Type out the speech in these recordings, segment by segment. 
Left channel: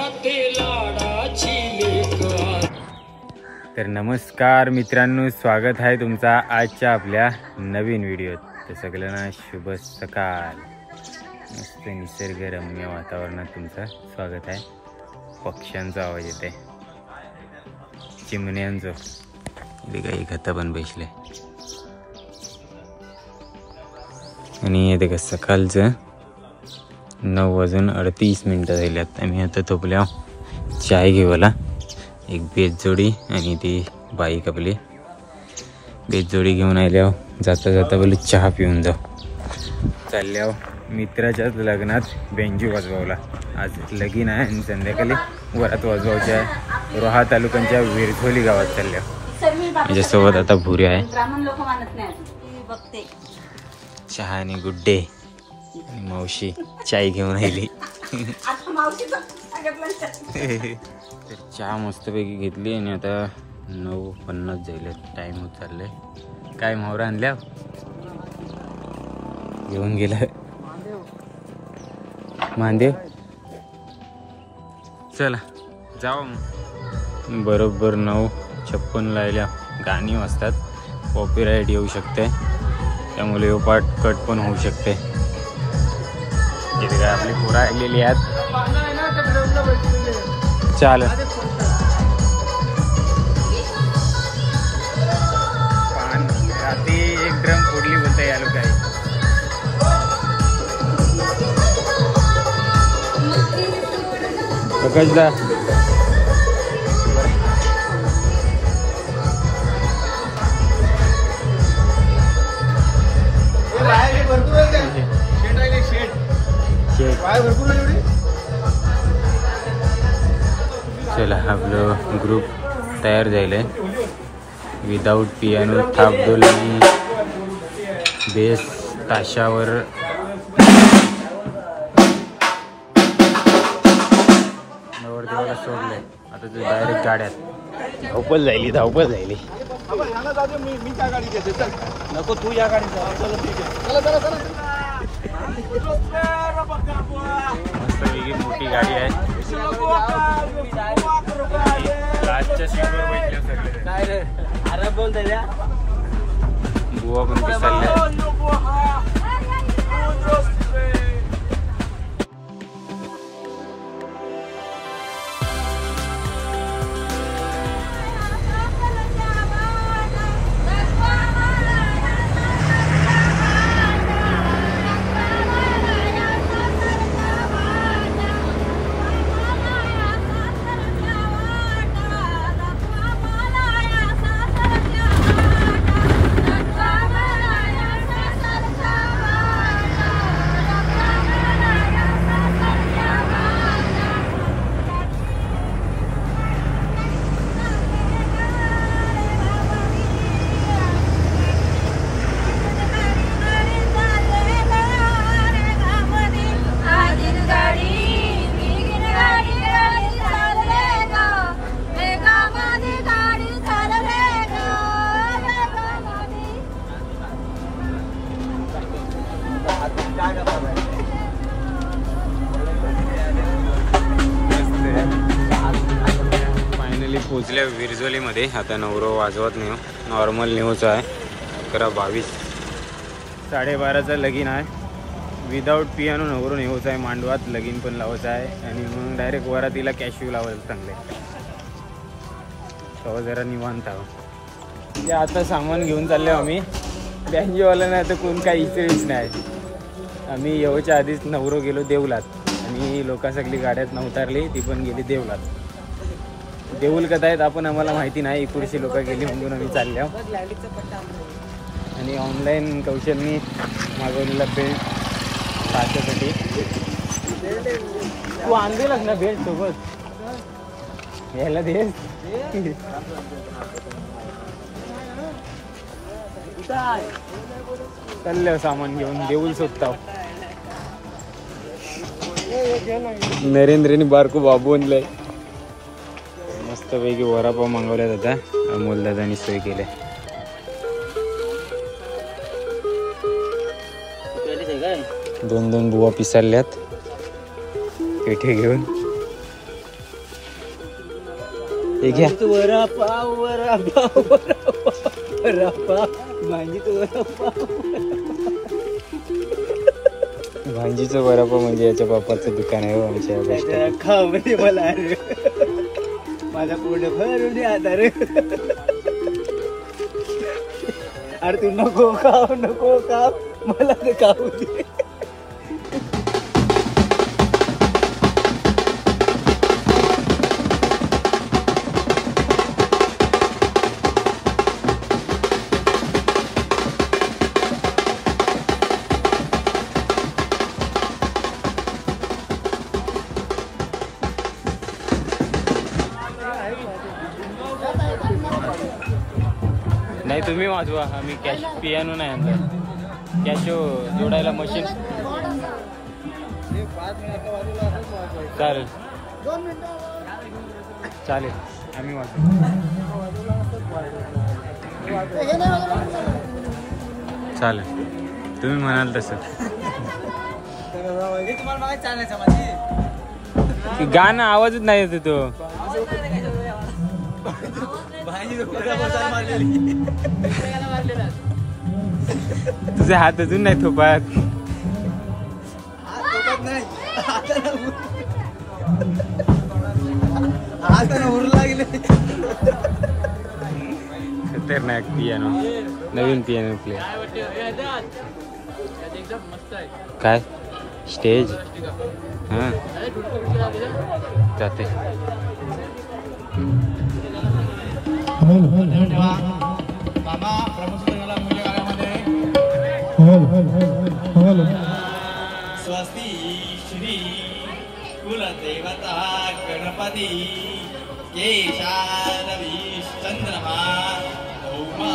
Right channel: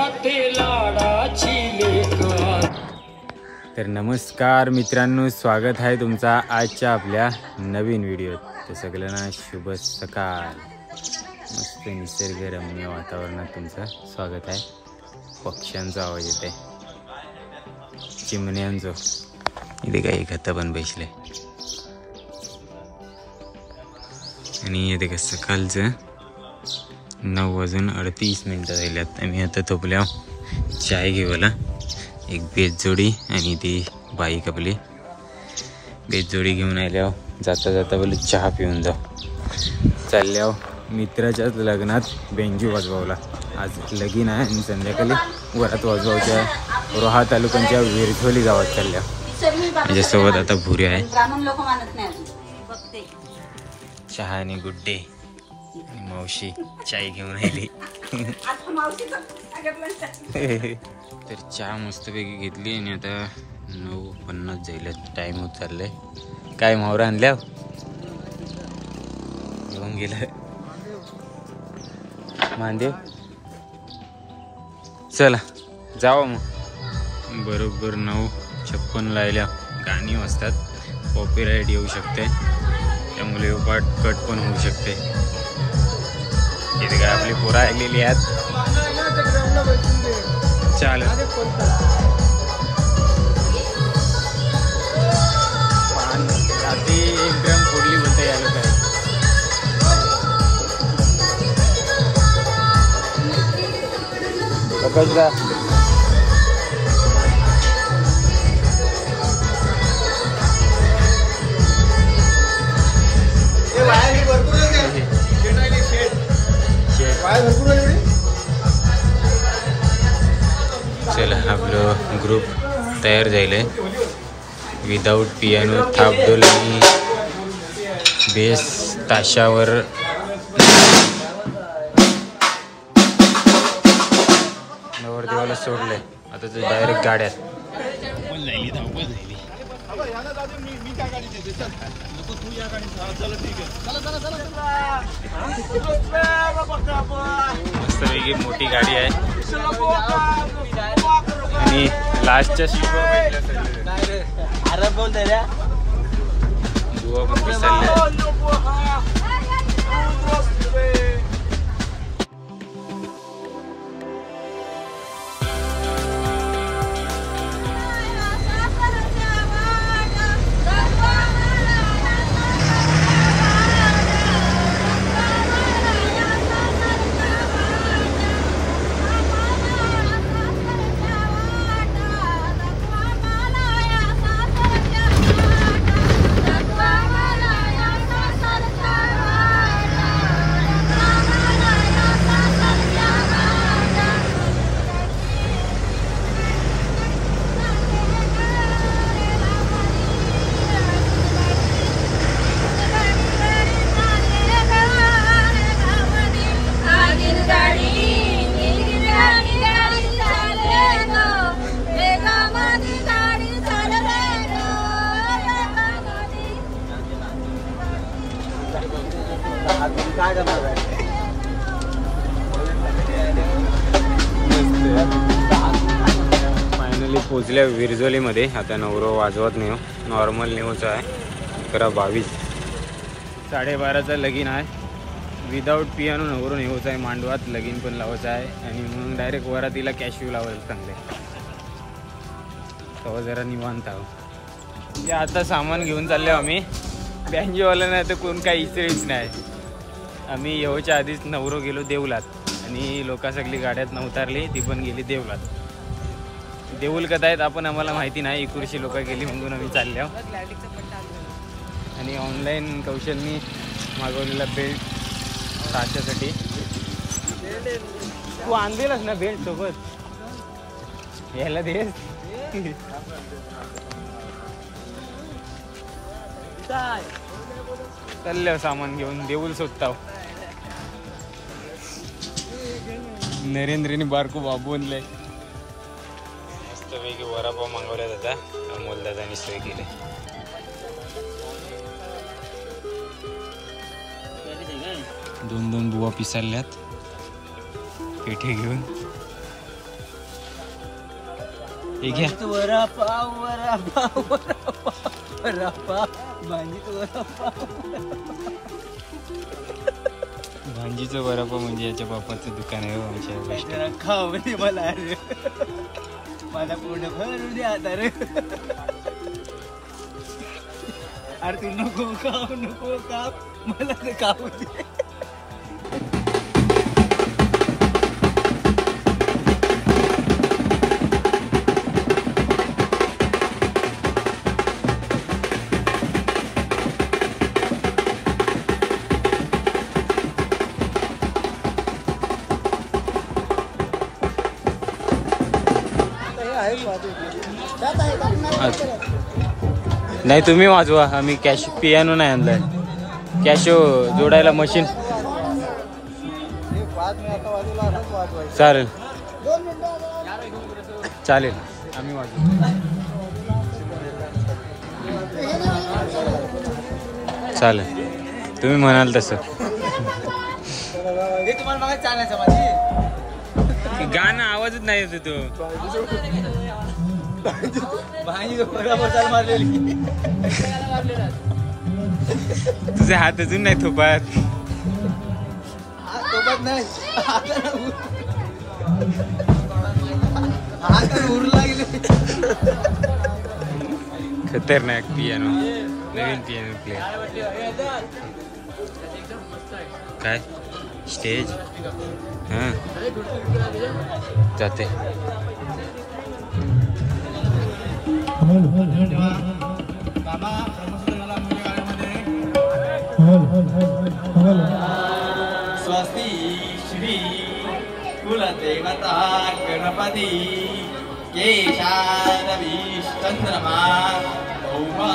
जाते लाडाची लेक। तर नमस्कार मित्रांनो, स्वागत आहे तुमचा आजच्या आपल्या नवीन व्हिडिओत। तर सगळ्यांना शुभ सकाळ। मस्त निसर्गरम्य वातावरणात तुमचं स्वागत आहे। पक्ष्यांचा आवाज येत आहे, चिमण्यांचा। इथे काही खतं पण बसले आणि इथे का सकाळचं 9:38 झाल्यात। आम्ही आता थोपल्या चाय घेवायला। एक बेजजोडी आणि ती बाईक आपली बेजजोडी घेऊन आल्यावर जाता जाता बोलू चहा पिऊन जाऊ। चालल्यावर मित्राच्याच लग्नात बेंजू वाजवावला। आज लगीन आहे आणि संध्याकाळी वरात वाजवायची आहे। रोहा तालुक्याच्या विरझोली गावात चालल्या। माझ्यासोबत आता भुरे आहे, चहा आणि गुड्डे। मावशी चाय घेऊन आली। तर चहा मस्तपैकी घेतली आणि आता 9:50 जाईल, टाइम होत चाललंय। काय मावरा आणल्या घेऊन गेला मांदेव। चला जाऊ मग। बरोबर 9:56 लायल्या। गाणी वाजतात, कॉपीराईट येऊ शकते, त्यामुळे पाठ कट पण होऊ शकते। इथे काय आपली पोरं आलेली आहेत। चाल पान रात्री एक ड्रम फोडली बोलता या लोक आहे। चला आपलं ग्रुप तयार झाले। विदाउट पियानो, थापडोल आणि बेस ताशावर नवरदेवाला सोडलंय। आता ते डायरेक्ट गाड्यात धावपळ झाली। नको तू या गाडीत जा। चला ठीक आहे, चला मस्तपैकी मोठी गाडी आहे आणि लास्टच्या सीटवर बैठल्या सगळे। बोल दे रे बुवा पण पिसाळल्या। फायनली पोचल्या विरझोलीमध्ये। आता नवरो वाजवत नाही, नॉर्मल न्यूज आहे। 11:22 12:30चा लगीन आहे। विदाउट पियानो नवरो न्यूज आहे। मांडवात लगीन पण लावायचं आहे आणि मग डायरेक्ट वरातीला कॅशिव लावायला चांगले। तेव्हा जरा निवांत आहो। म्हणजे आता सामान घेऊन चाललो आम्ही। बँजोवाला नाही तर कोण काही इचरीच नाही। आम्ही येऊच्या आधीच नवरो गेलो देवलात आणि लोका सगळी गाड्यात उतरली, ती पण गेली देवलात। देऊल कथा आहेत आपण आम्हाला माहिती नाही। इकुरशी लोक गेली म्हणून आम्ही चाललो। आणि ऑनलाईन कौशलनी मागवलेला बेल्ट ताच्यासाठी। तू आणलेलास ना बेल्ट सोबत, यायला देस। चाललो सामान घेऊन देऊल शोधताव। नरेंद्रनी बारको बाबू आणलाय। मस्तपैकी वडापाव मागवल्यात आता। अमोल दादानी सोय केले। 2-2 बुवा पिसाळल्यात पेठे घेऊन। हे घ्या. वडापाव वडापाव वडापाव वडापाव भांजीत वडापाव. भांजीचं वडापाव म्हणजे याच्या बापाचं दुकान आहे. हो खाऊ म्हणजे मला अरे माझा पोट भरून आता रे. अरे तू नको खाऊ नको खाऊ मला तर खाऊ दे. नाही तुम्ही वाजवा. आम्ही कॅश पियानो नाही आणलाय. कॅशो जोडायला मशीन चालेल चालेल. आम्ही वाजवू. चालेल तुम्ही म्हणाल तसं. गाणं आवाजच नाही येत तो. तुझे हात अजून नाही थोपात. खतरनाक पियानो. नवीन पियानो प्लेअर. काय स्टेज हां जाते. स्वस्ति श्री कुलदेवता गणपती केशादविश्चंद्रमा भौमा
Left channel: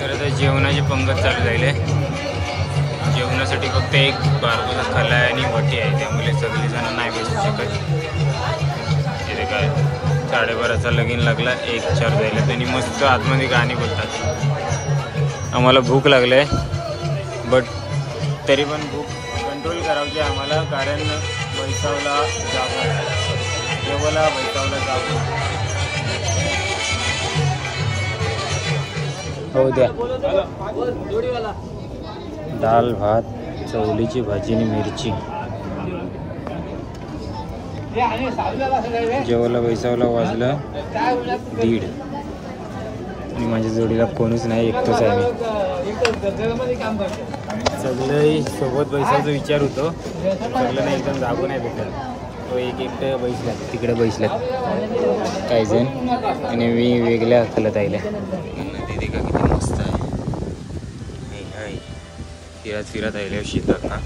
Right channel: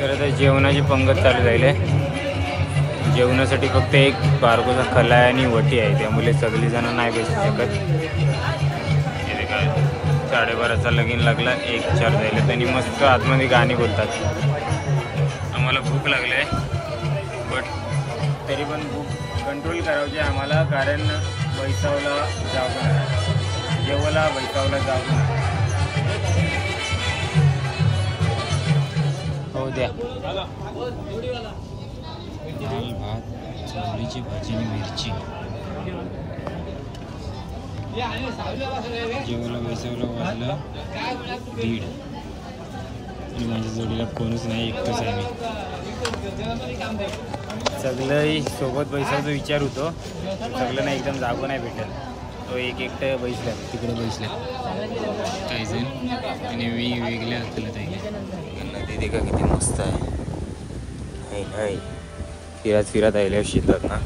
तर आता जेवणाची पंगत चालू झाली. जेवणासाठी फक्त एक बारकोचा खलाय आणि वटी आहे, त्यामुळे सगळी जण नाही बसू शकत. हे काय 12:30चा लगीन लागला, 1:04 झाले. त्यांनी मस्त आतमध्ये गाणी बोलतात. आम्हाला भूक लागलं आहे, बट तरी पण भूक कंट्रोल करायची आम्हाला, कारण बैसावला जागून जेवायला बैसावला जागून हो द्या. डाळ भात, चवलीची भाजी आणि मिरची. जेवायला बैसावला वाजलं 1:30 आणि माझ्या जोडीला कोणीच नाही, एकटंच आहे मी. सगळं सोबत बैसायचा विचार होतो, सगळ्यांना एकदम जागो नाही भेटेल. तो एक एकटं बैसल्यात, तिकडे बैसल्यात काही जण, आणि मी वेगळ्या हलत आईला. नदी का किती मस्त आहे. फिरत फिरत आले शिकत ना.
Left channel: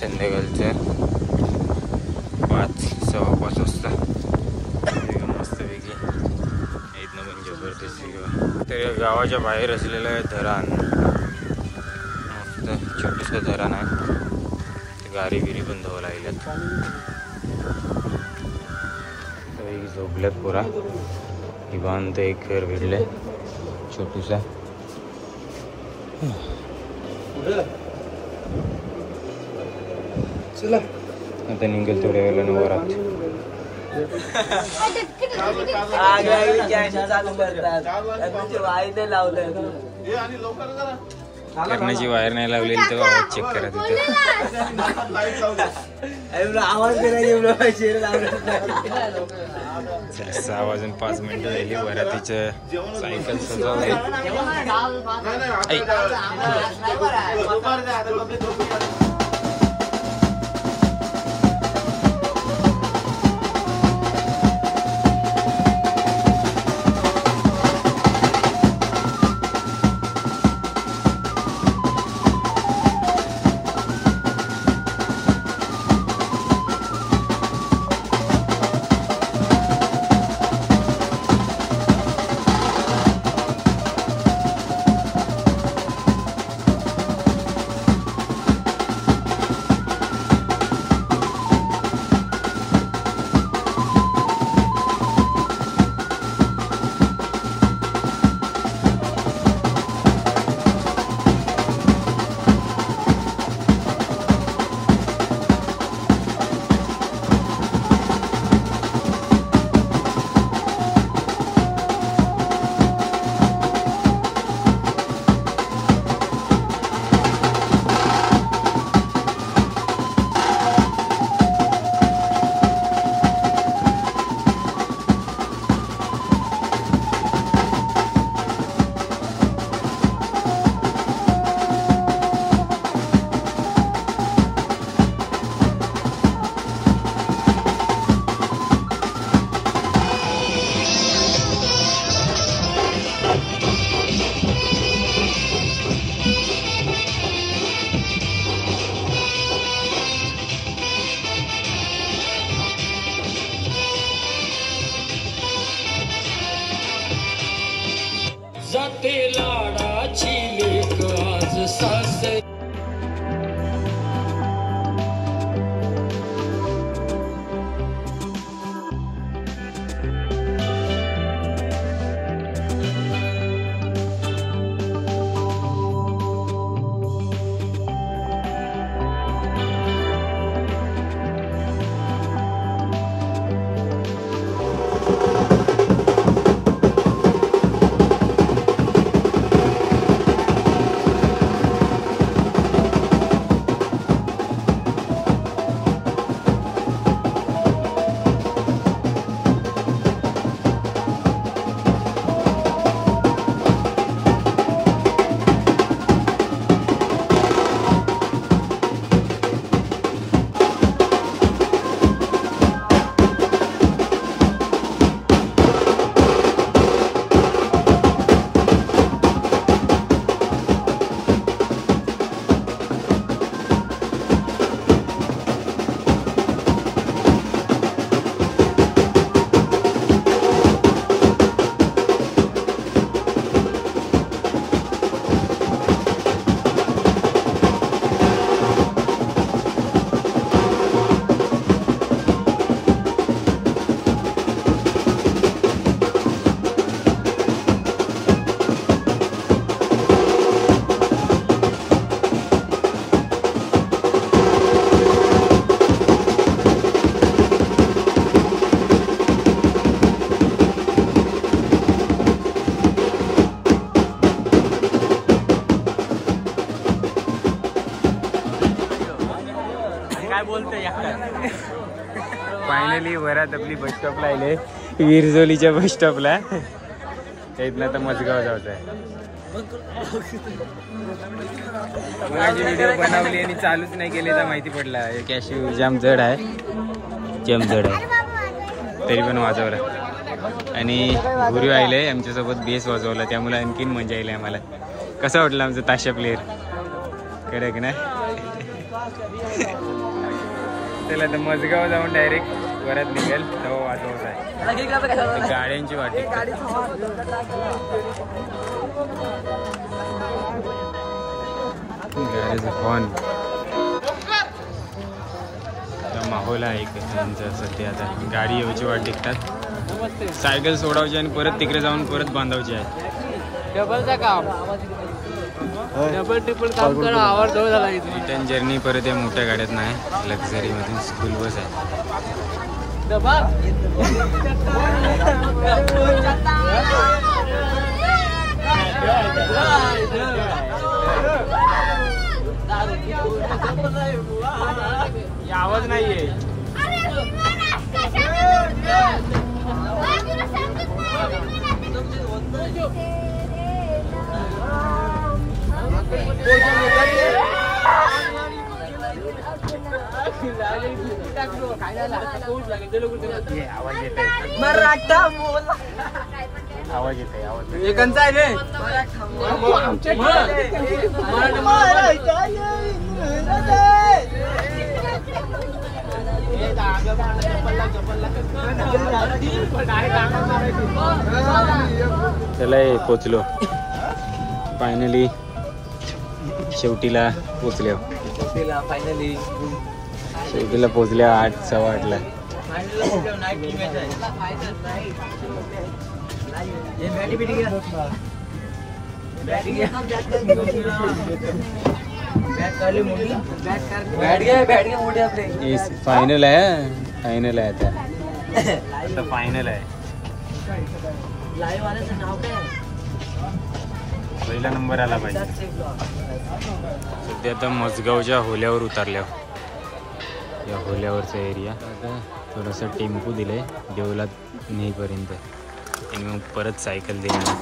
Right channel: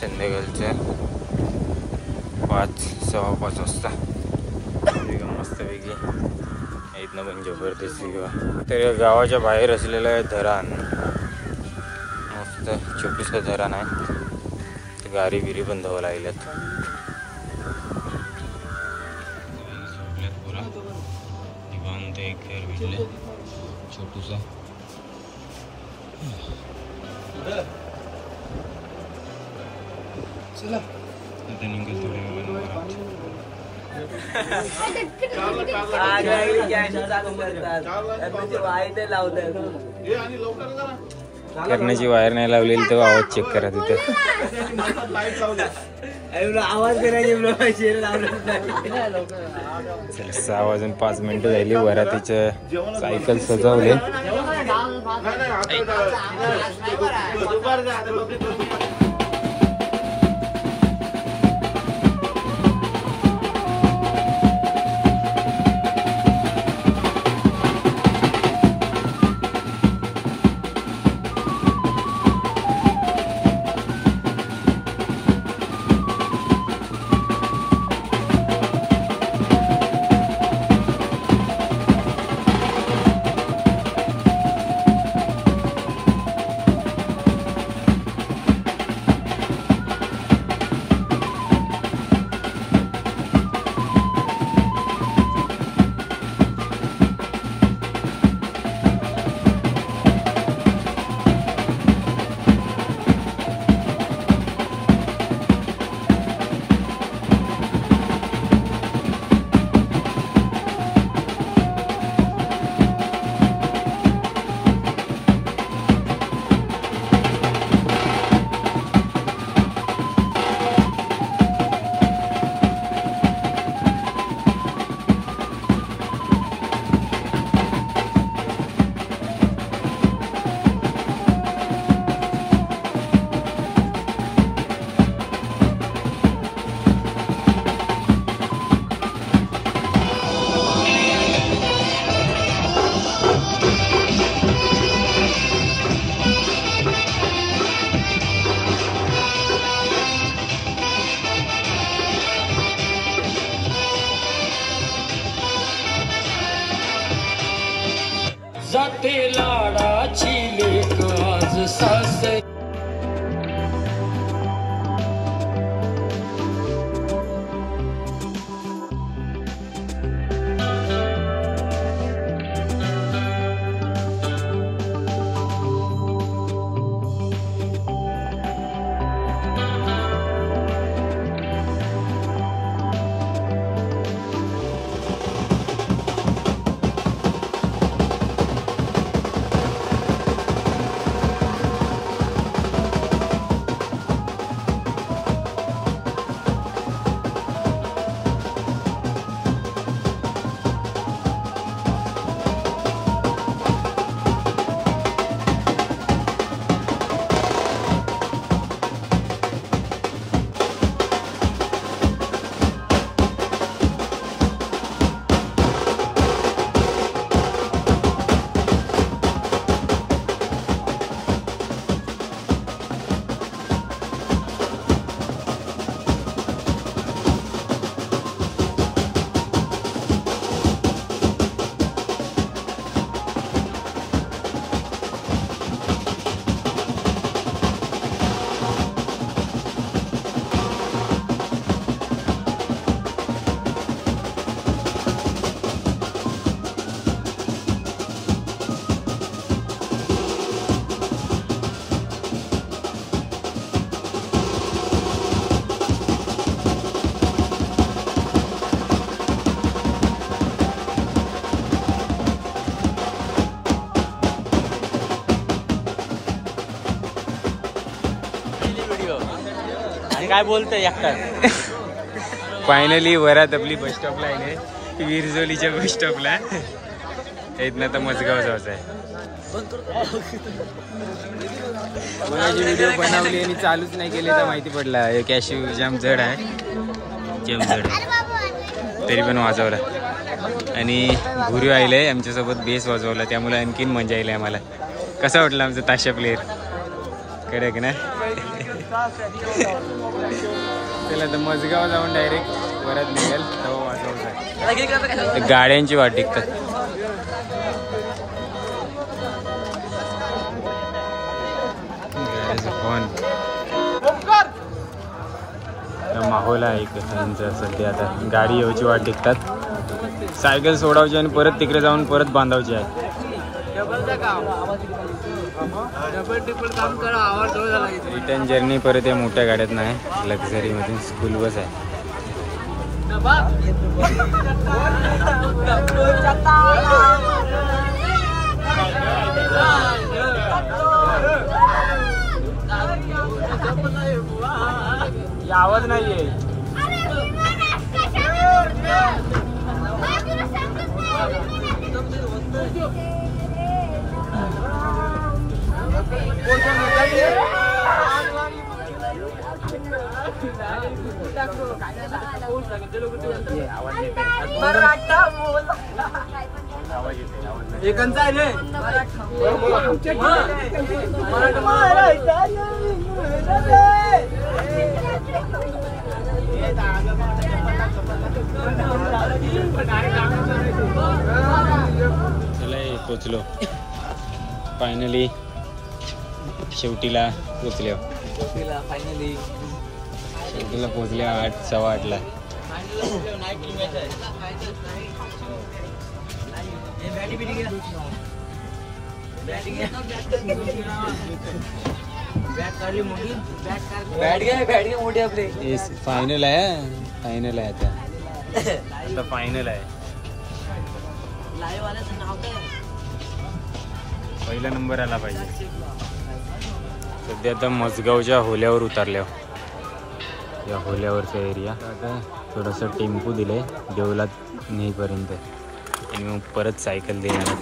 संध्याकाळचं 5:15 वाजता मस्तपैकी इथनं पण जबरदस्त व्ह्यू. तर या गावाच्या बाहेर असलेलं आहे धरण, मस्त छोटंसं धरण आहे. गाडी बिरी पण धावं लागल्यात, झोपल्यात पुरा निवांत. एक घर भेटले छोटूसा. आता निघेल थोड्या वेळानं वरात. करण्याची वायर नाही लावलेली तेव्हा आवाज चेक करा तिथे. आवाज करायचे 6 वाजून 5 मिनिटं झाली. वरातीचं सायकल सजवले. जाते लाडाची लेक आज सासरी. काय बोलतोय फायनली वरात आपली बस स्टॉपला आले, विरजोलीच्या बस स्टॉपला. इथनं तर मजगाव जायचं आहे. कोणाची व्हिडिओ बनवली आणि चालूच नाही केली तर माहिती पडला हे कॅशिव जाम जड आहे, तरी पण वाजवला. आणि गुरु आले आमच्यासोबत बेस वाजवला, त्यामुळे आणखीन मजा आली आम्हाला. कसं वाटलं आमचं ताशा प्लेअर कडक ना. चला तर मजगाव जाऊन डायरेक्ट वरात निघेल तेव्हा वाजवत आहे. गाड्यांची वाट टिकतात. हॉर्न माहोल आहे त्यांचं सध्या. आता गाडी यायची वाट टिकतात. सायकल सोडावची आणि परत तिकडे जाऊन परत बांधावची आहे. रिटर्न जर्नी परत या मोठ्या गाड्यात नाही, लक्झरी मध्ये स्कूल बस आहे. आवाज नाहीये. आवाज येत आहे. आवाज येत आहे. आवाज चला पोचलो फायनली. शेवटीला पोचल्या. शेवटीला पोचल्या 8 सव्वा 8ला. फायनल आहे. फायनल आहे आता. फायनल आहे. पहिला नंबर आला पाहिजे. सध्या आता मजगावच्या होल्यावर उतरल्या. या होल्यावरचा एरिया. आता थोडंसं टेम्पो दिले देवलात नेईपर्यंत आणि मग परत सायकल देणार.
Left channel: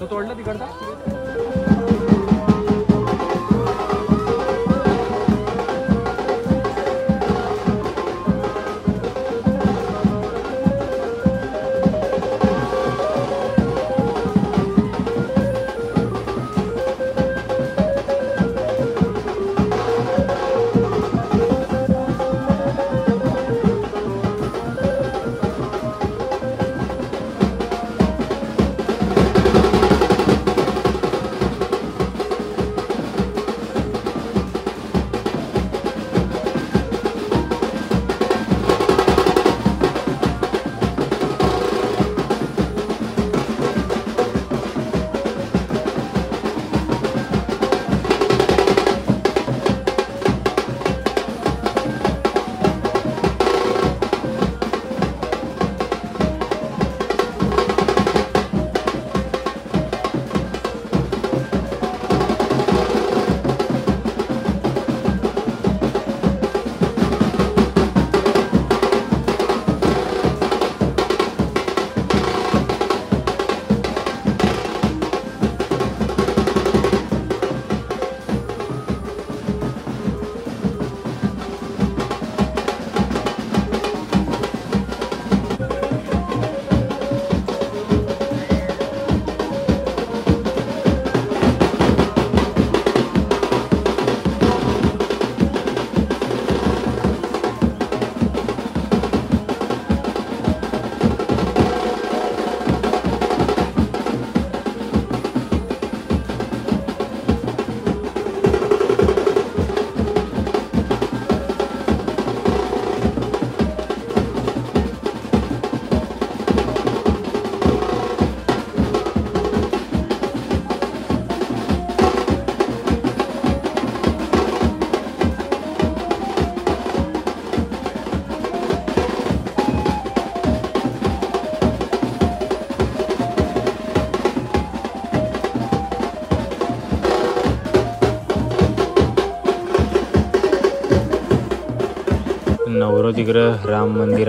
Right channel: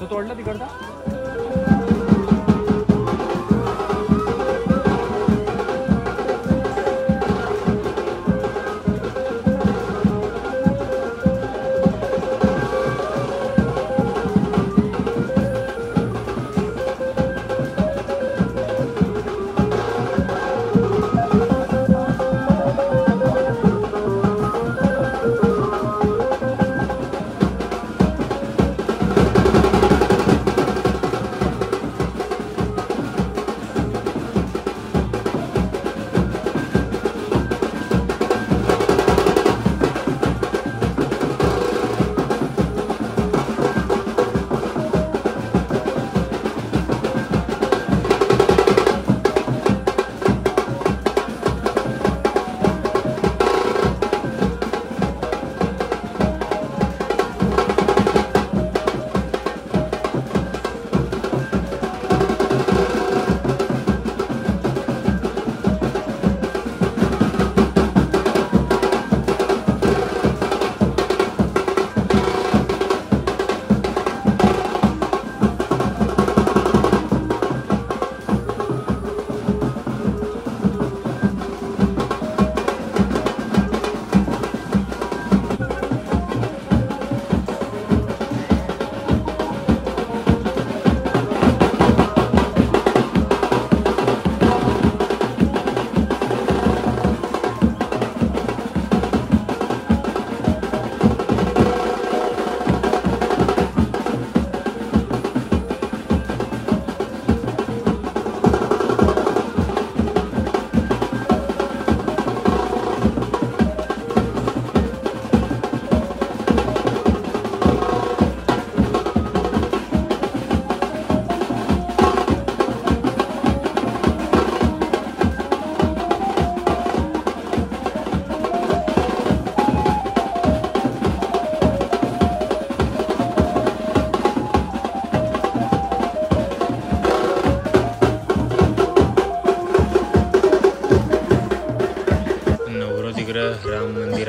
तो तोडला तिकडचा.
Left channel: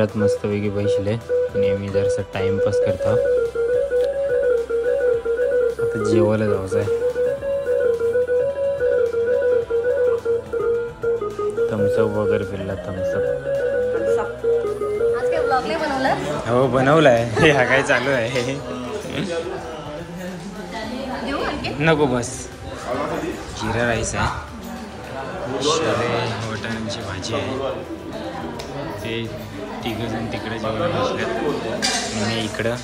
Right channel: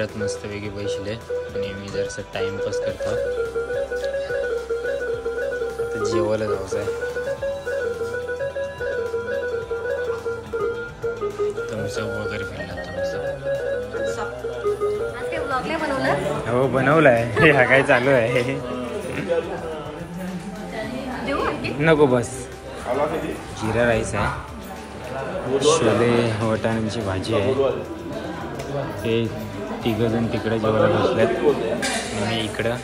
मंदिरात मस्तपैकी बसले आणि मी जरासा टाइमपास करतो. आता जेवायला जायचं आहे. थम्सअप वगैरे पिला. थम्सअप हो बनवलाय. हा काय चालू आहे. नको बस. जिरा राईस आहे, छोले वाटाण्याची भाजी आहे. ते तिघंजण तिकडे जेवायला बसल्यात आणि इकडं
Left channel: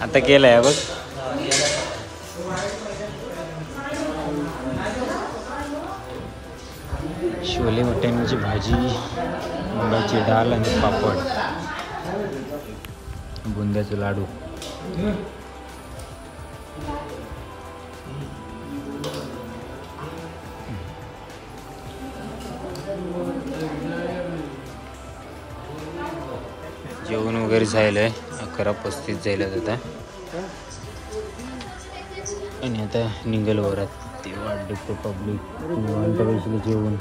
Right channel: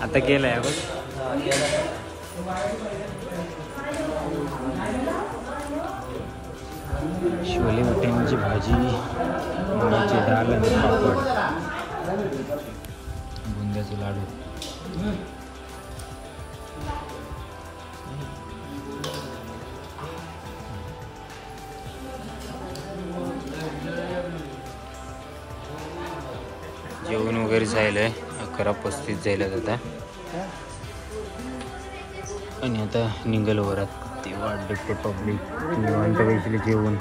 आता केलंय बघ. छोले वाटाण्याची भाजी, मुगाची डाळ आणि पापड, बुंद्याचे लाडू. जेवण वगैरे झालंय. 11:35 जायला आता आणि आता निघाल वरात. ते वाट ते पब्लिक निवांत पैसे जेवून.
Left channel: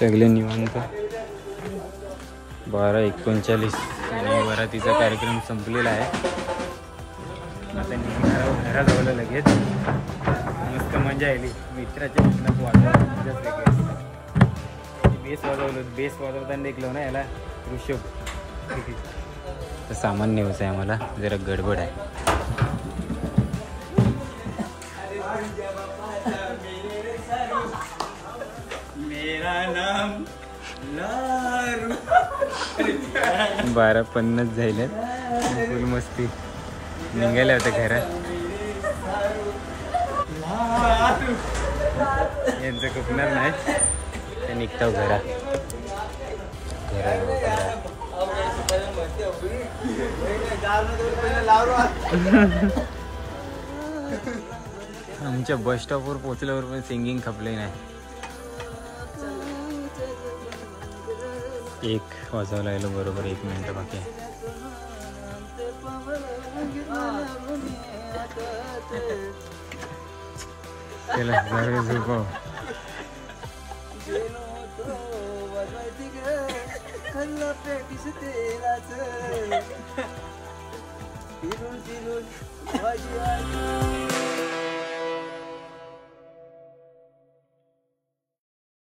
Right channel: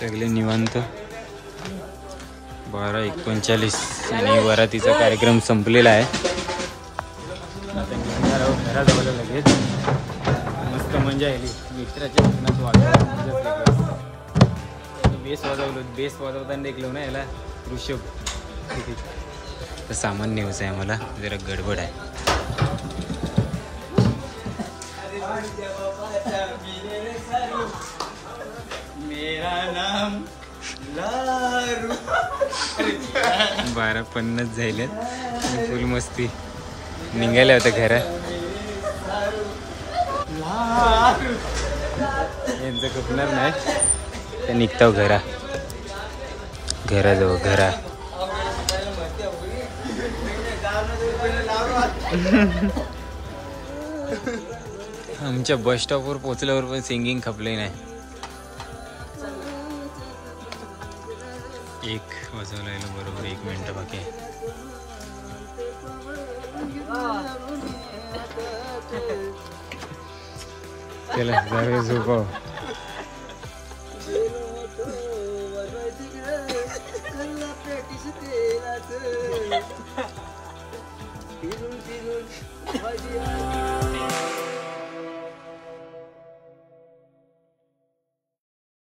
सगळे निवांत. 12:39 आणि वरातीचा कार्यक्रम संपलेला आहे. आता निघणार आहोत घराजवळ लगेच. मस्त मजा आली. मित्राच्या लग्नात वाजवलं मजाच वेगळी. बेस वाजवलं. बेस वाजवताना देखलो ना याला ऋषभ. तर सामान न्यायचं आहे आम्हाला. जरा गडबड आहे. मेरा नाम लारू. 12:50 झाले. फुल मस्ती. निघायला होतं घरात. यांचं कपणार नाही तर निघतो घराजवळ. आमच्या बस स्टॉपवर पोचल्यावर पण सिंगिंग खपले नाही. 1 वाजायला लागलं. बरोबर 1 मिनिट बाकी आहे. चला जरा झोपाव. फिरून